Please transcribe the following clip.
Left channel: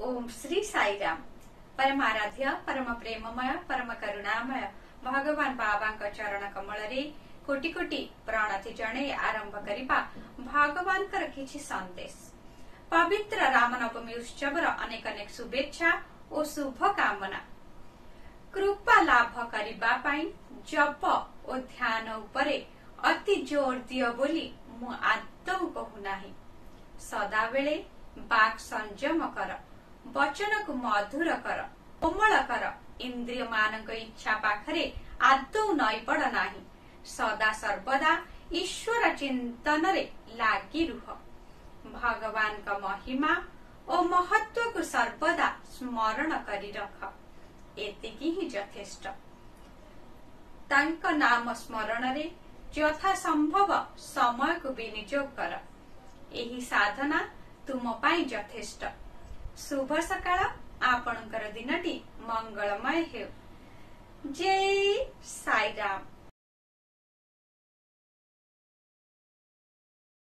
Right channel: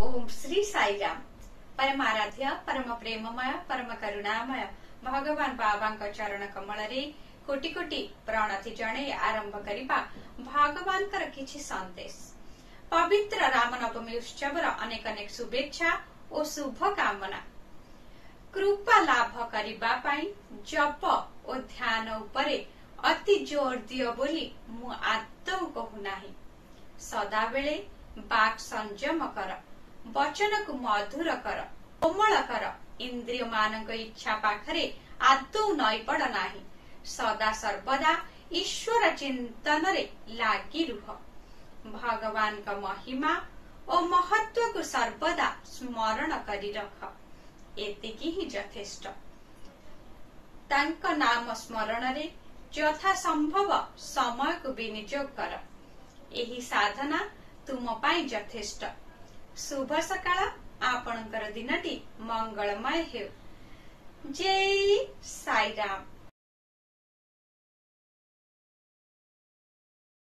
ओम श्री साईराम। परमाराध्य परम प्रेममय परम करुणामय भगवान बाबांक चरण कमल रे कोटि कोटि प्रणति जणे आरंभ करिबा भगवानकर किछि संदेश। पवित्र रामनवमी उत्सवर अनेक अनेक शुभेच्छा और शुभ कामना। कृपा लाभ करिबा पाई जप और ध्यान उपरे अति जोर दियो बोली मु आदौ कहू नाही। सदा बेले बाक संयम कर, वचन को मधुर कर, कोमल कर, इंद्रिय मानक इच्छा पाखरे आदौ नई पड़ नाही। सदा सर्वदा ईश्वर चिंतन रे लागी रुह। भगवान का महिमा और महत्व को सर्वदा स्मरण करी रख। एतिकी ही यथेष्ट। तांक नाम स्मरण रे यथा संभव समय को विनियोग कर। एही साधना तुम पाई यथेष्ट। शुभ सकाळ। आपणकर दिनटी मंगलमय हेउ। जय साईराम।